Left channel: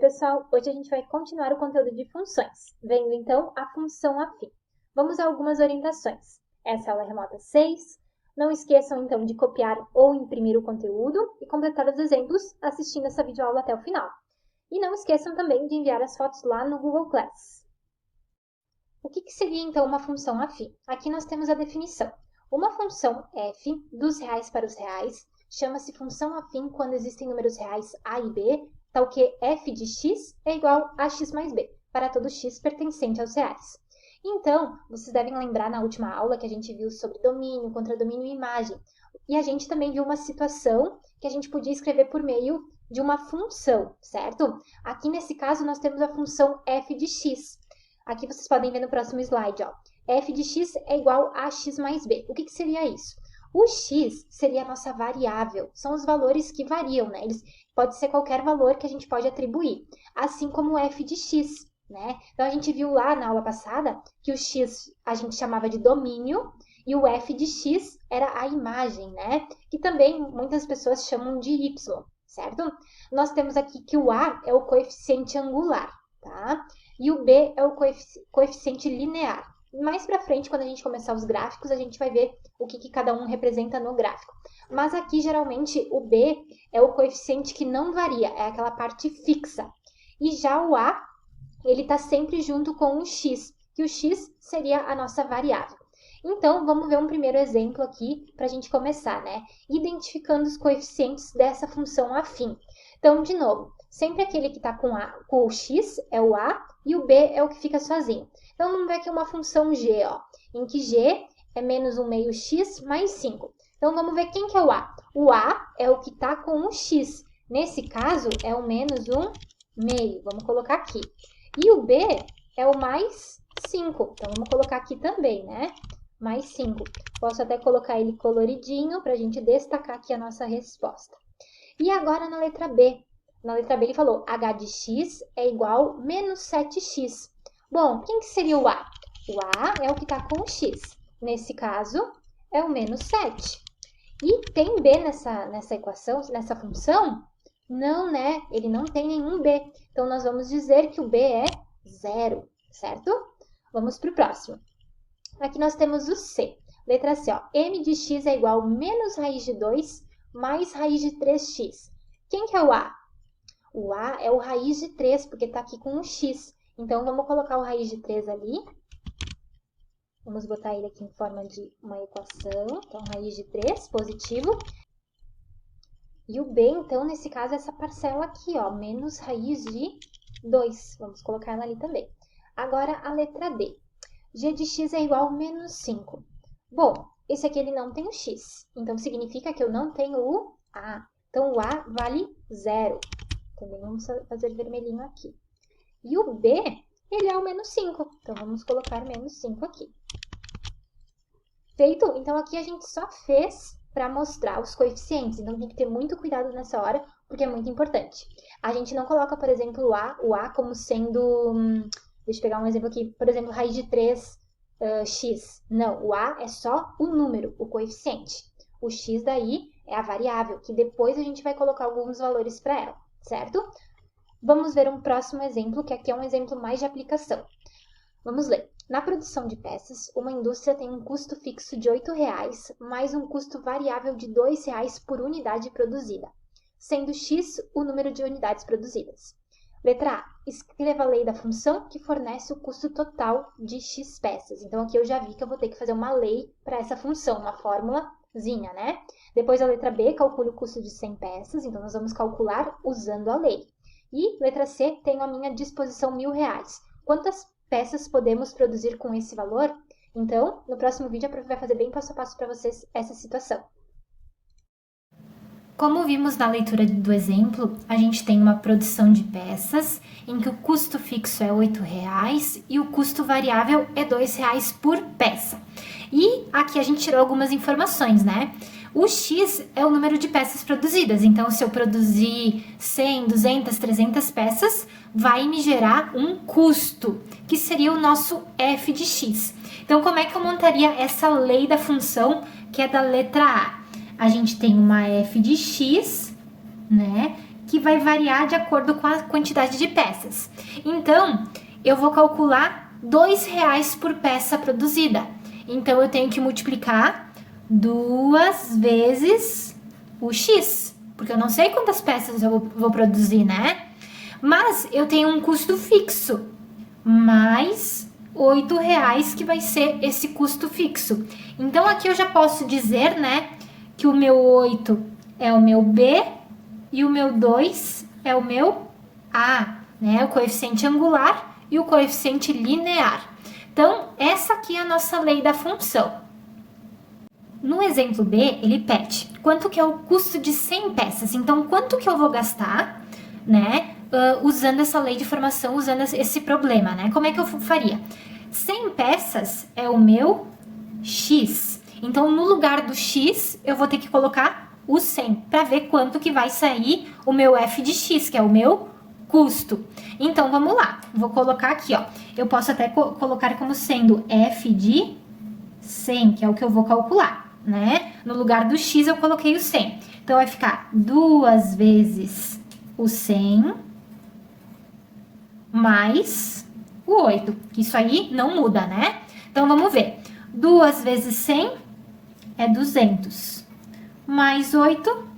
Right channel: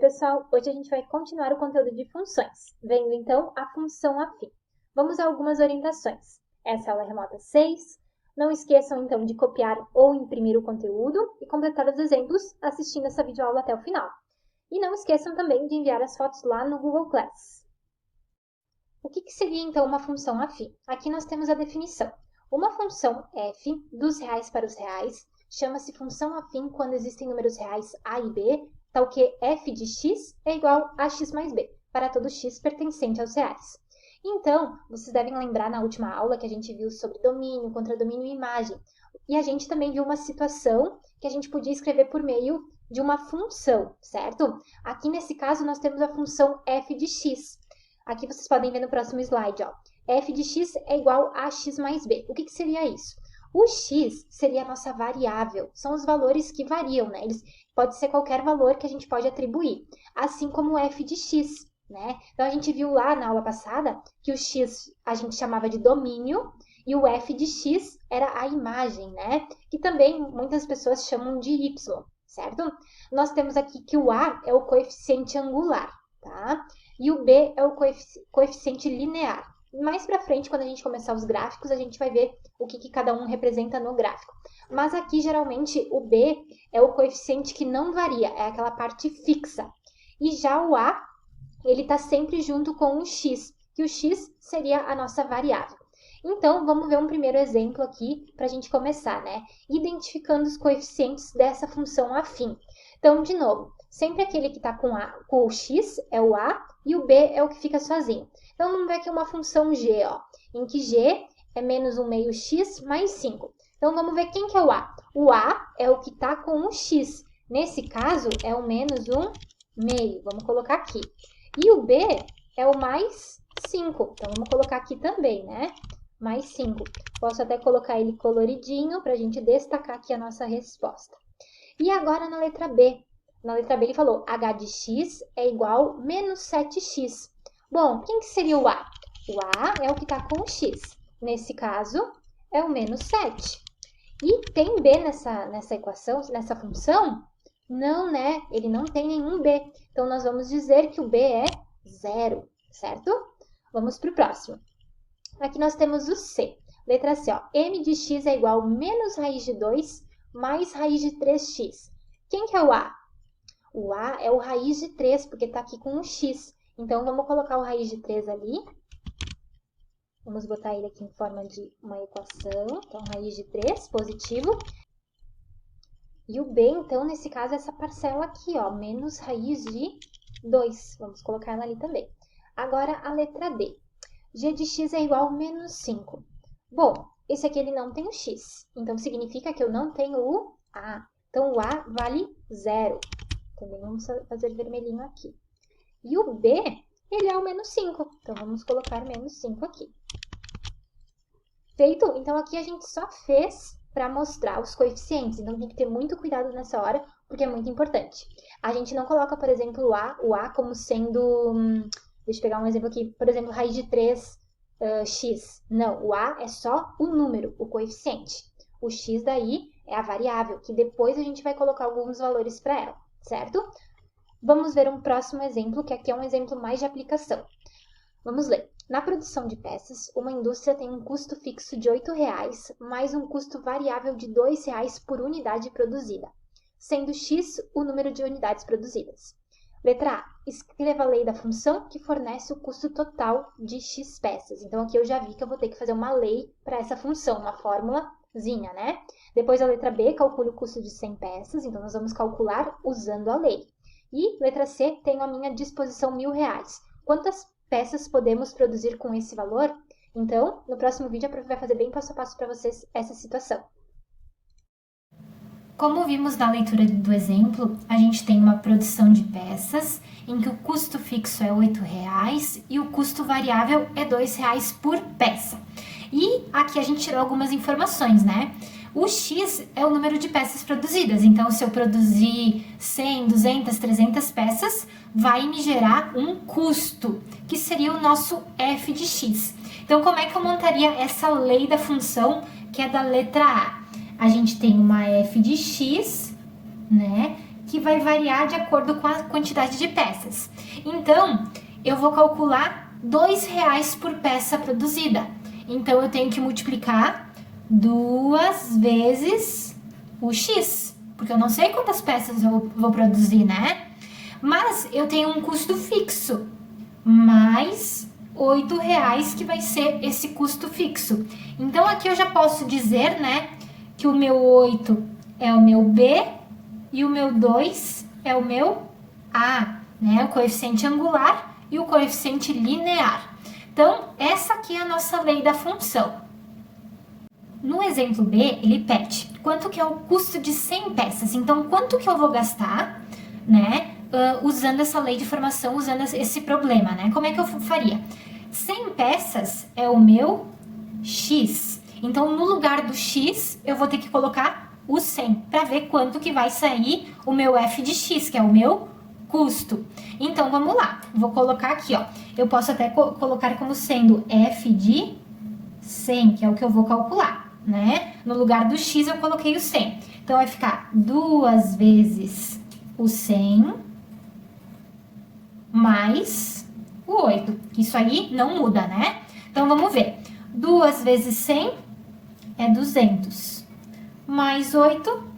pessoal, hoje a gente vai continuar o conteúdo de funções, vendo então a função afim. Vamos a algumas orientações. Essa é a aula remota 6. Não esqueçam então de copiar ou imprimir o conteúdo e completar os exemplos assistindo essa videoaula até o final. E não esqueçam também de enviar as fotos lá no Google Class. O que seria então uma função afim? Aqui nós temos a definição. Uma função f dos reais para os reais chama-se função afim quando existem números reais a e b, tal que f de x é igual a x mais b, para todo x pertencente aos reais. Então, vocês devem lembrar na última aula que a gente viu sobre domínio, contradomínio e imagem. E a gente também viu uma situação que a gente podia escrever por meio de uma função, certo? Aqui nesse caso nós temos a função f de x. Aqui vocês podem ver no próximo slide, ó. F de x é igual a x mais b. O que seria isso? O x seria a nossa variável. São os valores que variam, né? Pode ser qualquer valor que a gente pode atribuir, assim como o f de x, né? Então, a gente viu lá na aula passada que o x a gente chamava de domínio e o f de x era a imagem, né? Que também muitas pessoas chamam de y, certo? Nós temos aqui que o a é o coeficiente angular, tá? E o b é o coeficiente linear. Mais para frente, quando a gente começar os gráficos, a gente vai ver o que cada um representa no gráfico. Mas aqui, geralmente, o b é o coeficiente que não varia, é aquela parte fixa. E já o a, ele está sempre junto com o x, que o x seria a nossa variável. Então, vamos ver um primeiro exemplo aqui para a gente começar, né? Identificando os coeficientes dessa função afim. Então, de novo, sempre aquele que está com o x é o a e o b é o que fica sozinho. Então, vamos ver aqui uma função g, ó, em que g é menos 1 meio x mais 5. Então, vamos ver quem que é o a. O a é o que está com o x. Nesse caso, é o menos 1 meio. Vamos colocar aqui. E o b é o mais 5. Então, vamos colocar aqui também, né? Mais 5. Posso até colocar ele coloridinho para a gente destacar aqui a nossa resposta. E agora na letra B. Na letra B ele falou h de x é igual a menos 7x. Bom, quem que seria o a? O a é o que está com o x. Nesse caso, é o menos 7. E tem b nessa equação, nessa função? Não, né? Ele não tem nenhum b. Então, nós vamos dizer que o b é 0, certo? Vamos para o próximo. Aqui nós temos o c. Letra C, ó. M de x é igual a menos raiz de 2 mais raiz de 3x. Quem que é o a? O a é o raiz de 3, porque está aqui com o x. Então, vamos colocar o raiz de 3 ali. Vamos botar ele aqui em forma de uma equação. Então, raiz de 3, positivo. E o b, então, nesse caso, é essa parcela aqui, ó, menos raiz de 2. Vamos colocar ela ali também. Agora, a letra D. G de x é igual a menos 5. Bom, esse aqui ele não tem o x. Então, significa que eu não tenho o a. Então, o a vale 0. Também vamos fazer vermelhinho aqui. E o b, ele é o menos 5. Então, vamos colocar menos 5 aqui. Feito? Então, aqui a gente só fez para mostrar os coeficientes. Então, tem que ter muito cuidado nessa hora, porque é muito importante. A gente não coloca, por exemplo, o a como sendo... Deixa eu pegar um exemplo aqui. Por exemplo, raiz de 3x. Não, o a é só o número, o coeficiente. O x daí é a variável, que depois a gente vai colocar alguns valores para ela, certo? Vamos ver um próximo exemplo, que aqui é um exemplo mais de aplicação. Vamos ler. Na produção de peças, uma indústria tem um custo fixo de R$ 8,00 mais um custo variável de R$ 2,00 por unidade produzida, sendo x o número de unidades produzidas. Letra A. Escreva a lei da função que fornece o custo total de x peças. Então, aqui eu já vi que eu vou ter que fazer uma lei para essa função, uma fórmulazinha, né? Depois, a letra B, calcule o custo de 100 peças. Então, nós vamos calcular usando a lei. E, letra C, tenho à minha disposição R$ 1.000. Quantas peças podemos produzir com esse valor? Então, no próximo vídeo, a prof vai fazer bem passo a passo para vocês essa situação. Como vimos na leitura do exemplo, a gente tem uma produção de peças em que o custo fixo é R$ 8,00 e o custo variável é R$ 2,00 por peça. E aqui a gente tirou algumas informações, né? O X é o número de peças produzidas, então se eu produzir 100, 200, 300 peças, vai me gerar um custo, que seria o nosso F de X. Então, como é que eu montaria essa lei da função que é da letra A? A gente tem uma f de x, né, que vai variar de acordo com a quantidade de peças. Então, eu vou calcular R$ 2 por peça produzida. Então, eu tenho que multiplicar 2 vezes o X, porque eu não sei quantas peças eu vou produzir, né? Mas eu tenho um custo fixo, mais R$ 8, que vai ser esse custo fixo. Então, aqui eu já posso dizer, né, que o meu 8 é o meu B e o meu 2 é o meu A, né? O coeficiente angular e o coeficiente linear. Então, essa aqui é a nossa lei da função. No exemplo B, ele pede quanto que é o custo de 100 peças. Então, quanto que eu vou gastar, né, usando essa lei de formação, usando esse problema, né? Como é que eu faria? 100 peças é o meu X. Então, no lugar do X, eu vou ter que colocar o 100 para ver quanto que vai sair o meu F de X, que é o meu custo. Então, vamos lá. Vou colocar aqui, ó. Eu posso até colocar como sendo F de 100, que é o que eu vou calcular, né? No lugar do X, eu coloquei o 100. Então, vai ficar 2 vezes o 100 mais o 8. Isso aí não muda, né? Então, vamos ver. 2 vezes 100 é 200. Mais 8,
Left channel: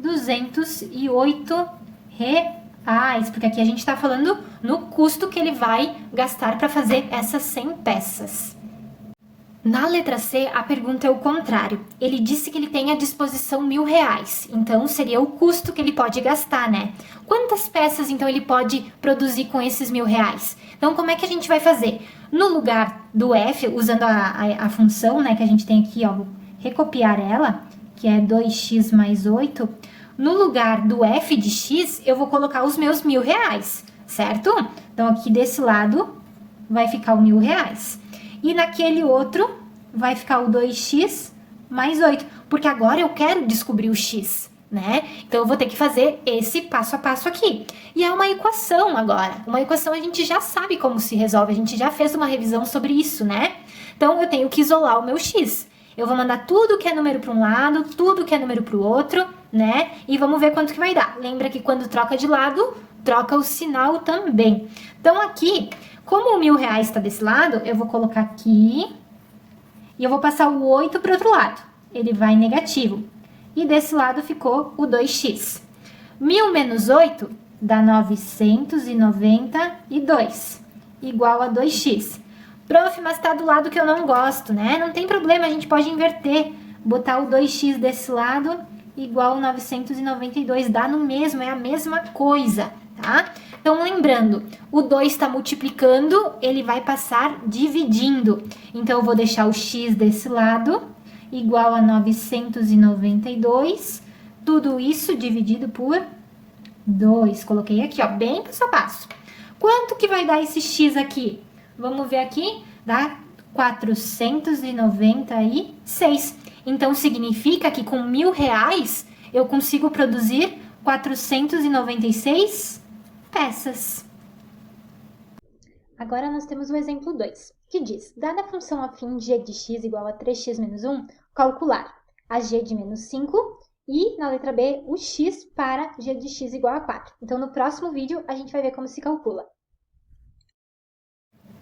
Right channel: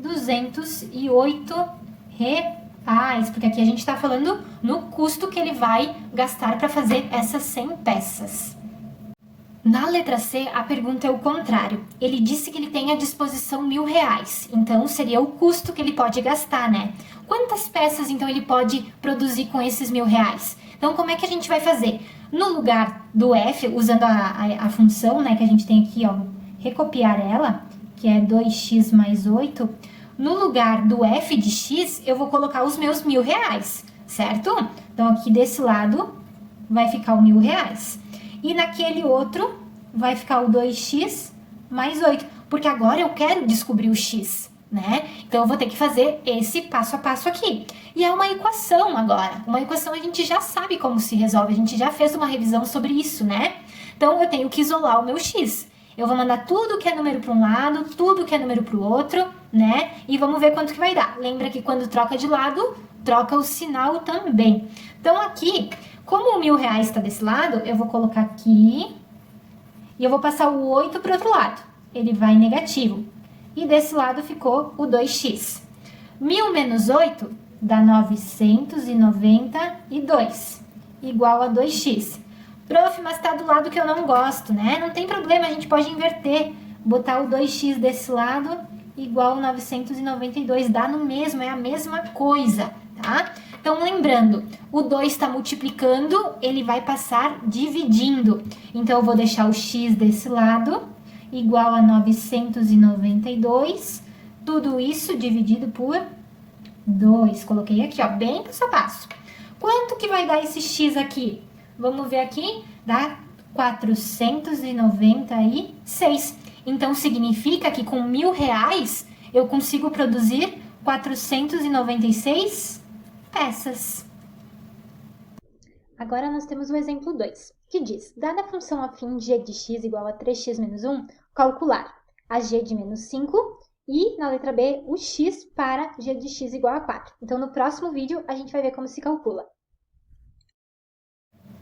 208 reais. Porque aqui a gente tá falando no custo que ele vai gastar para fazer essas 100 peças. Na letra C, a pergunta é o contrário. Ele disse que ele tem à disposição R$ 1.000. Então, seria o custo que ele pode gastar, né? Quantas peças, então, ele pode produzir com esses R$ 1.000? Então, como é que a gente vai fazer? No lugar do F, usando a função, né, que a gente tem aqui, ó, vou recopiar ela, que é 2x mais 8. No lugar do F de x, eu vou colocar os meus R$ 1.000, certo? Então, aqui desse lado vai ficar o R$ 1.000. E naquele outro vai ficar o 2x mais 8, porque agora eu quero descobrir o x, né? Então, eu vou ter que fazer esse passo a passo aqui. E é uma equação agora. Uma equação a gente já sabe como se resolve, a gente já fez uma revisão sobre isso, né? Então, eu tenho que isolar o meu x. Eu vou mandar tudo que é número para um lado, tudo que é número para o outro, né? E vamos ver quanto que vai dar. Lembra que quando troca de lado, troca o sinal também. Então, aqui, como o R$ 1.000 está desse lado, eu vou colocar aqui e eu vou passar o 8 para o outro lado. Ele vai negativo. E desse lado ficou o 2x. 1.000 menos 8 dá 992, igual a 2x. Prof, mas tá do lado que eu não gosto, né? Não tem problema, a gente pode inverter. Botar o 2x desse lado igual a 992. Dá no mesmo, é a mesma coisa, tá? Então, lembrando, o 2 está multiplicando, ele vai passar dividindo. Então, eu vou deixar o x desse lado igual a 992. Tudo isso dividido por 2. Coloquei aqui, ó, bem passo a passo. Quanto que vai dar esse x aqui? Vamos ver aqui, dá 496. Então, significa que com R$ 1.000 eu consigo produzir 496 peças. Agora nós temos o exemplo 2, que diz, dada a função afim g de x igual a 3x menos 1, calcular a g de menos 5 e, na letra B, o x para g de x igual a 4. Então, no próximo vídeo, a gente vai ver como se calcula.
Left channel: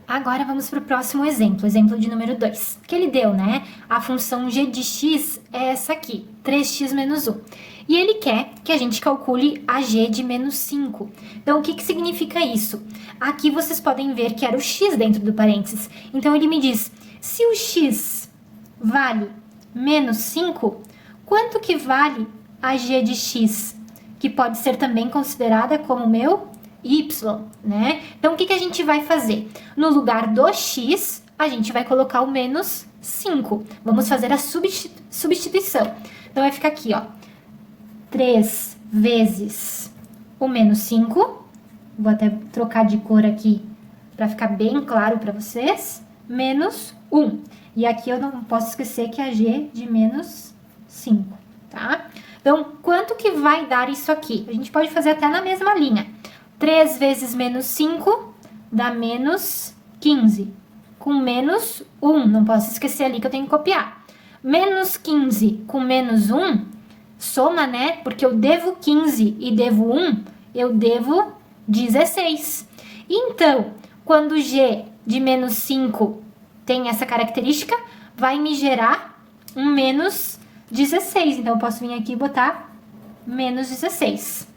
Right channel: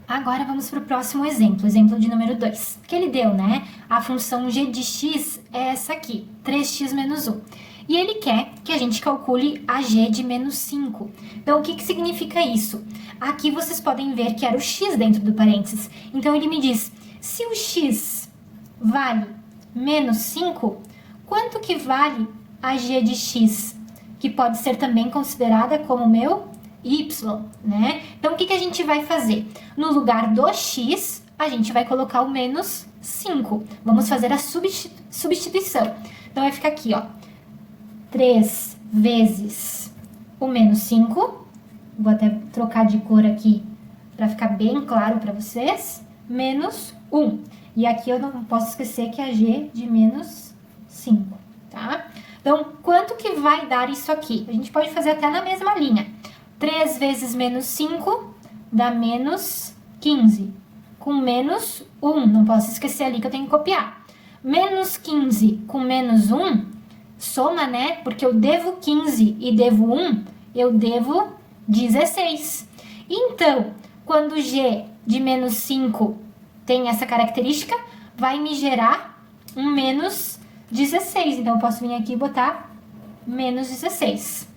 Agora vamos para o próximo exemplo, exemplo de número 2, que ele deu, né? A função g de x é essa aqui, 3x menos 1. E ele quer que a gente calcule a g de menos 5. Então, o que significa isso? Aqui vocês podem ver que era o x dentro do parênteses. Então, ele me diz, se o x vale menos 5, quanto que vale a g de x? Que pode ser também considerada como meu y, né? Então, o que a gente vai fazer? No lugar do x, a gente vai colocar o menos 5. Vamos fazer a substituição. Então, vai ficar aqui, ó. 3 vezes o menos 5. Vou até trocar de cor aqui para ficar bem claro para vocês. Menos 1. E aqui eu não posso esquecer que é a g de menos 5, tá? Então, quanto que vai dar isso aqui? A gente pode fazer até na mesma linha. 3 vezes menos 5 dá menos 15. Com menos 1, não posso esquecer ali que eu tenho que copiar. Menos 15 com menos 1 soma, né? Porque eu devo 15 e devo 1, eu devo 16. Então, quando g de menos 5 tem essa característica, vai me gerar um menos 16. Então, eu posso vir aqui e botar menos 16.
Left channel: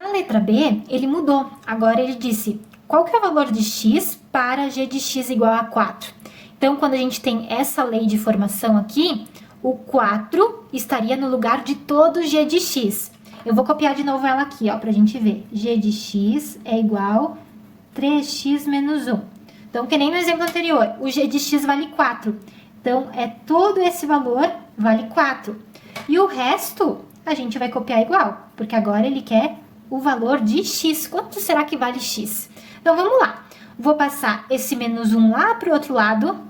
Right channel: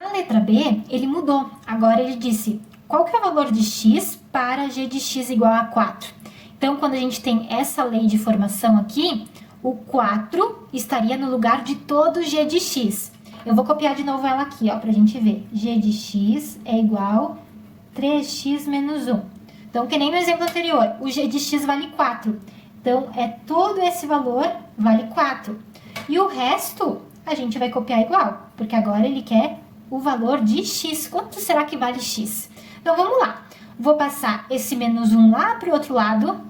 A letra B, ele mudou. Agora ele disse, qual que é o valor de x para g de x igual a 4? Então, quando a gente tem essa lei de formação aqui, o 4 estaria no lugar de todo g de x. Eu vou copiar de novo ela aqui, ó, pra gente ver. G de x é igual a 3x menos 1. Então, que nem no exemplo anterior, o g de x vale 4. Então, todo esse valor vale 4. E o resto, a gente vai copiar igual, porque agora ele quer o valor de x. Quanto será que vale x? Então, vamos lá. Vou passar esse menos 1 lá para o outro lado.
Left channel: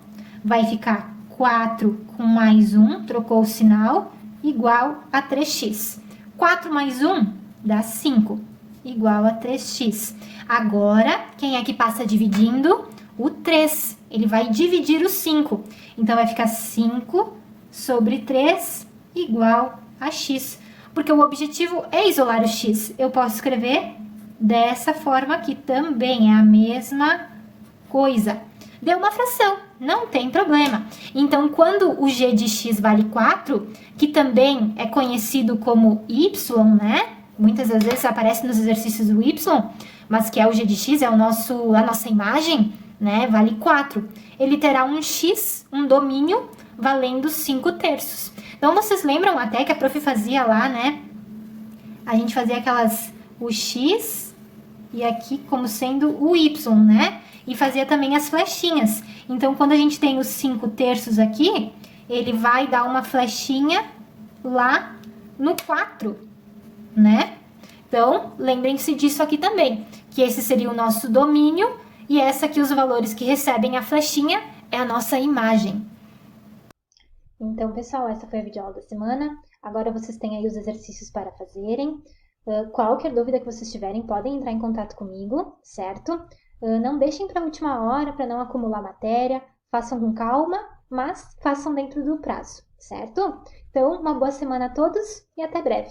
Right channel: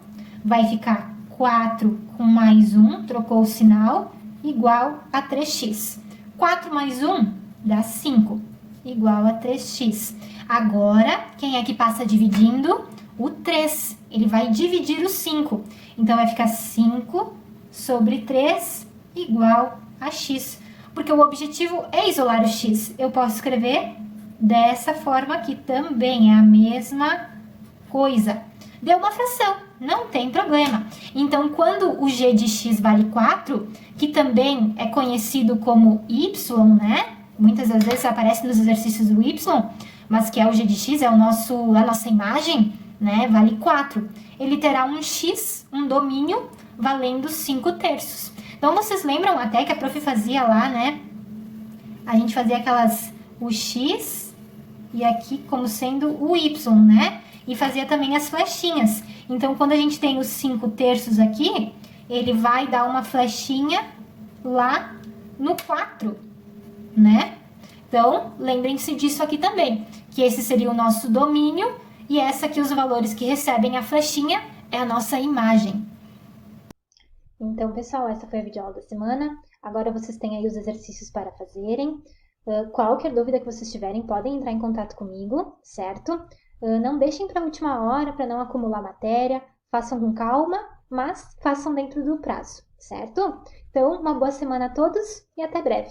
Vai ficar 4 com mais 1, trocou o sinal, igual a 3x. 4 mais 1 dá 5, igual a 3x. Agora, quem é que passa dividindo? O 3. Ele vai dividir o 5. Então, vai ficar 5 sobre 3 igual a x. Porque o objetivo é isolar o x. Eu posso escrever dessa forma aqui também, é a mesma coisa. Deu uma fração, não tem problema. Então, quando o g de x vale 4, que também é conhecido como y, né? Muitas das vezes aparece nos exercícios do y, mas que é o g de x, é a nossa imagem, né? Vale 4. Ele terá um x, um domínio, valendo 5 terços. Então, vocês lembram até que a prof fazia lá, né? A gente fazia o x e aqui como sendo o y, né? E fazia também as flechinhas. Então, quando a gente tem os 5 terços aqui, ele vai dar uma flechinha lá no 4, né? Então, lembrem-se disso aqui também, que esse seria o nosso domínio e essa aqui, os valores que recebem a flechinha, é a nossa imagem. Então, pessoal, essa foi a videoaula da semana. Agora vocês têm aí os exercícios para fazerem. Qualquer dúvida que vocês tiverem, podem entrar em contato comigo, certo? Não deixem para a última hora, para não acumular matéria. Façam com calma, mas façam dentro do prazo, certo? Então, uma boa semana a todos e até breve!